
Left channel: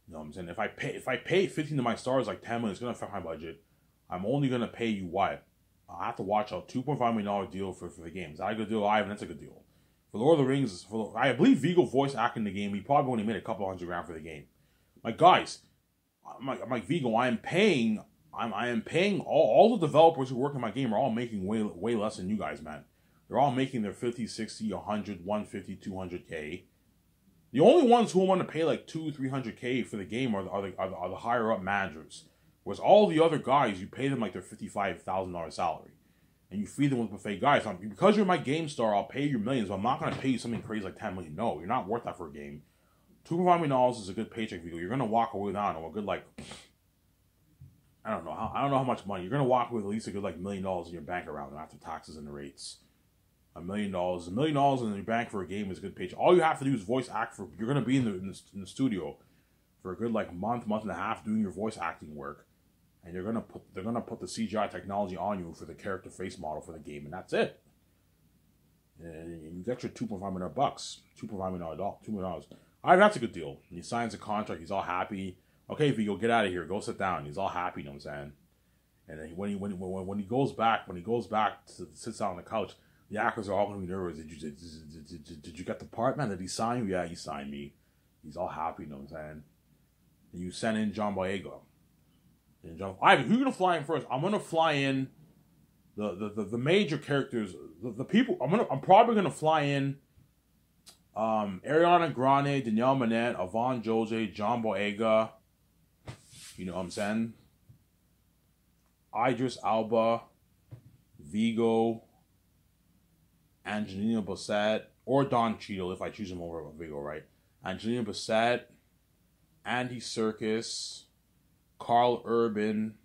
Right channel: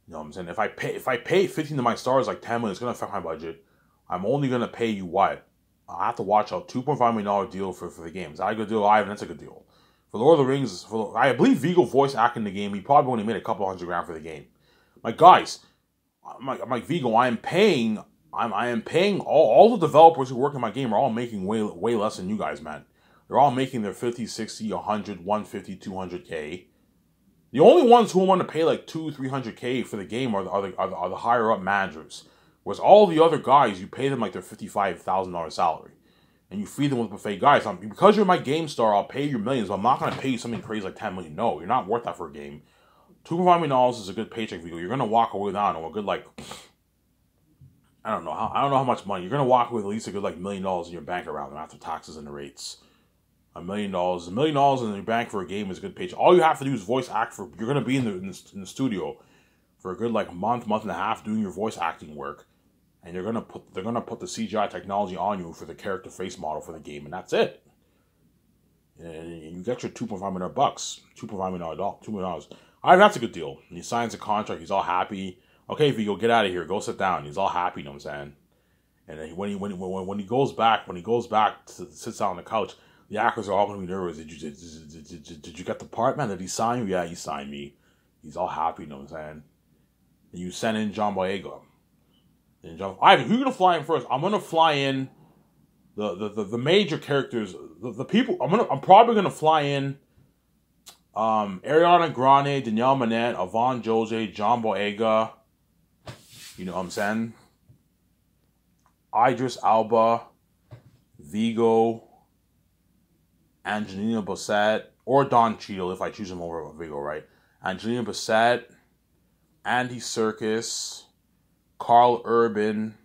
You know what I'm saying? If I pay 15 to my stars like 10 million, it's gonna affect my budget. I'm only gonna pay you what? I have to watch out. $2.5 million deal for the game. Is that a good deal? Ivan, that's a good deal. For Lord of the Rings, I believe Vigo voice acting the game. He probably only made a couple $100,000 for the game. Like, guys, I'm like Vigo. I am paying all the developers who work in my game are all making way less than you guys, man. They're all making their 50, 60, 100, 150, 200K. The only ones who want to pay like 200-300K for the game are the higher up managers. Whereas all the other guys, you pay them like their $55,000 salary. And you feed them with buffet. Guys, because you're my game star, I'll pay you millions, but I'm not going to pay you something crazy like $10 million. No, you're not worth that for a game. $2.5 million is a good paycheck, Vigo. You're going to walk away with, I don't know, a good like, I don't know how much money. You're going to walk away with at least a good like $1 million in your bank around them after taxes and the rates. $1 million. $1 million in your bank for a game is a good paycheck. All you have to do is voice act for, you're going to be in the studio for a good like month and a half doing your voice acting work. And they're gonna put the CGI technology on you for the character face model for the game, and that's it. And you get your $2.5 million, $2 million. All right, that's a good deal. And he signs a contract. He's all happy. Okay, Vigo, get out of here. Go sit down. He's all happy. You know what I'm saying? And then when he goes back, sits down on the couch, the actors are all gonna be nervous. Did you get the part, man? Did he sign you? Yeah, he signed me. He's all happy. You know what I'm saying? And you send in John Boyega. Then John, Ivan, who you gonna fly in first? I'm gonna fly in the major characters, the people. I'm probably gonna fly in Ariana Grande, Danielle Manette, Yvonne Jose, John Boyega. You know what I'm saying? Idris Elba, Vigo, Angelina Bassett, or Don Cheadle if I choose him over Vigo, right? Angelina Bassett, Andy Serkis, Carl Urban,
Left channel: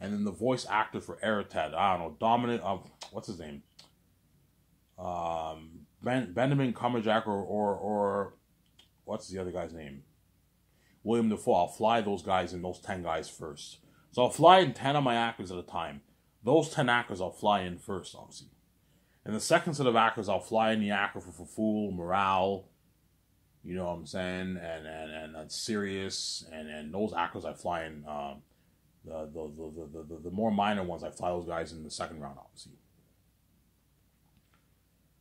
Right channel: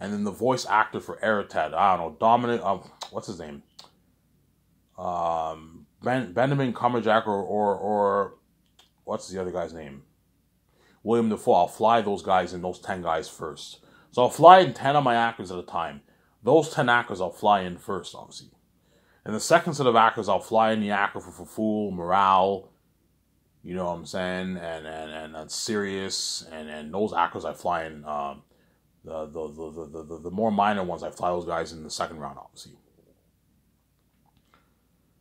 and then the voice actor for Eratet. I don't know, Dominic. What's his name? Benjamin Cumberbatch or what's the other guy's name? William Dafoe. I'll fly those guys in, those 10 guys first. So I'll fly in 10 of my actors at a time. Those 10 actors I'll fly in first, obviously. And the second set of actors, I'll fly in the actor for Fool, Morale, you know what I'm saying, and Sirius, and those actors I fly in. The more minor ones, I fly those guys in the second round, obviously.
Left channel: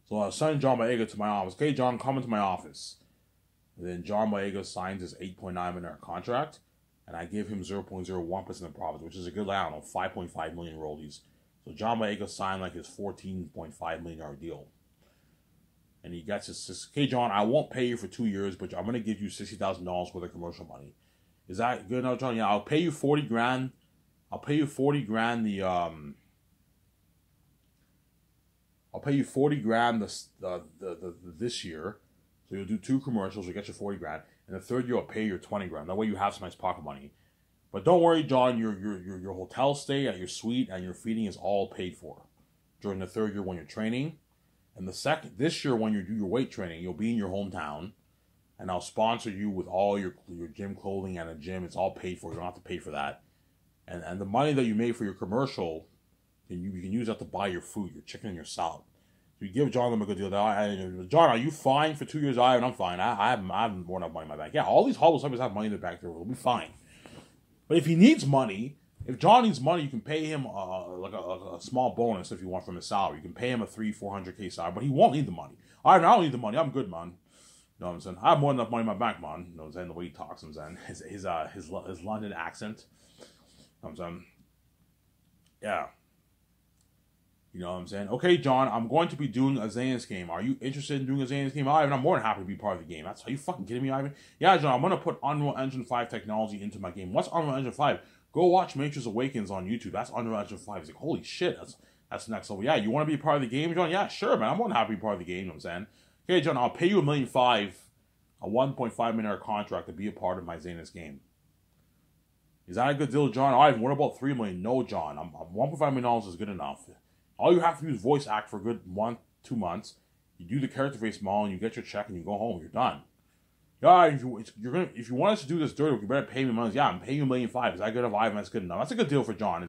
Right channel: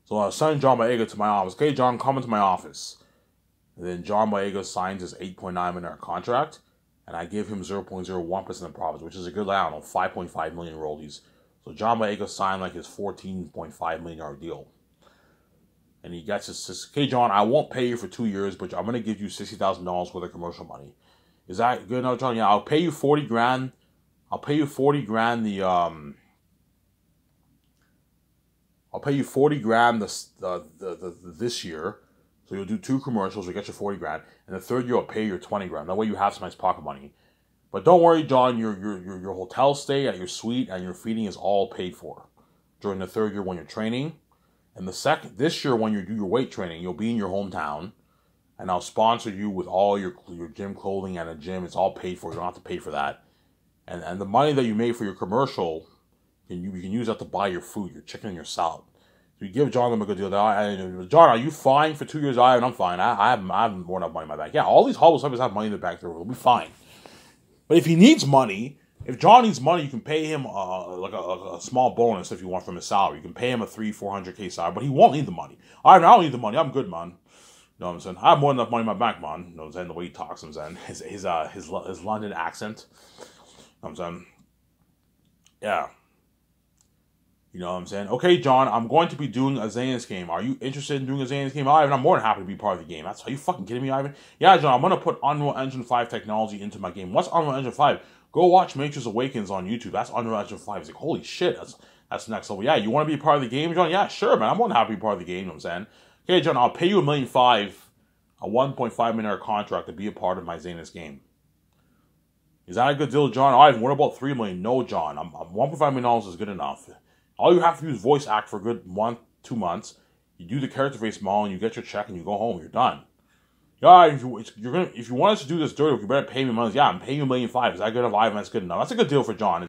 So I send John Boyega to my office. Okay, John, come into my office. And then John Boyega signs his $8.9 million contract, and I give him 0.01% of profits, which is a good, I don't know, 5.5 million royalties. So John Boyega signed like his $14.5 million deal. And he gets his, okay, John, I won't pay you for 2 years, but I'm going to give you $60,000 worth of commercial money. Is that good enough, John? Yeah, I'll pay you 40 grand. I'll pay you 40 grand I'll pay you 40 grand this year. So you'll do 2 commercials, you'll get your 40 grand. And the third year I'll pay you 20 grand. That way you have some nice pocket money. But don't worry, John, your hotel stay at your suite and your feeding is all paid for during the third year when you're training. And this year when you do your weight training, you'll be in your hometown, and I'll sponsor you with all your gym clothing and a gym. It's all paid for. You don't have to pay for that. And the money that you made for your commercial, you can use that to buy your food, your chicken and your salad. So you give John a good deal. John, are you fine for 2 years? I'm fine. I have more than enough money in my bank. Yeah, all these Hall of Famers have money in the bank. They'll be fine. But if he needs money, if John needs money, you can pay him like a small bonus if you want from his salary. You can pay him a $300-400K salary, but he won't need the money. I don't need the money. I'm good, man. You know what I'm saying? I have more than enough money in my bank, man. You know what I'm saying? The way he talks, I'm saying his London accent. You know what I'm saying? Yeah. You know what I'm saying? Okay, John, I'm going to be doing a Xanax game. Are you interested in doing a Xanax game? Ivan, I'm more than happy to be part of the game. Are you fucking kidding me, Ivan? Yeah, John, I'm going to put Unreal Engine 5 technology into my game. What's Unreal Engine 5? Go watch Matrix Awakens on YouTube. That's Unreal Engine 5. It's like, holy shit, that's next level. Yeah, you want to be part of the game, John? Yeah, sure, man. I'm more than happy to be part of the game, you know what I'm saying? Okay, John, I'll pay you $1.5 million, a $1.5 million contract to be a part of my Xanax game. Is that a good deal, John? Ivan, what about $3 million? No, John. $1.5 million is good enough. All you have to do is voice act for a good 1-2 months. You do the character face model, and you get your check, and you go home. You're done. Yeah, if you want us to do this dirty, you better pay me money. Yeah, I'm paying you $1.5 million. Is that good enough, Ivan? That's good enough. That's a good deal for John.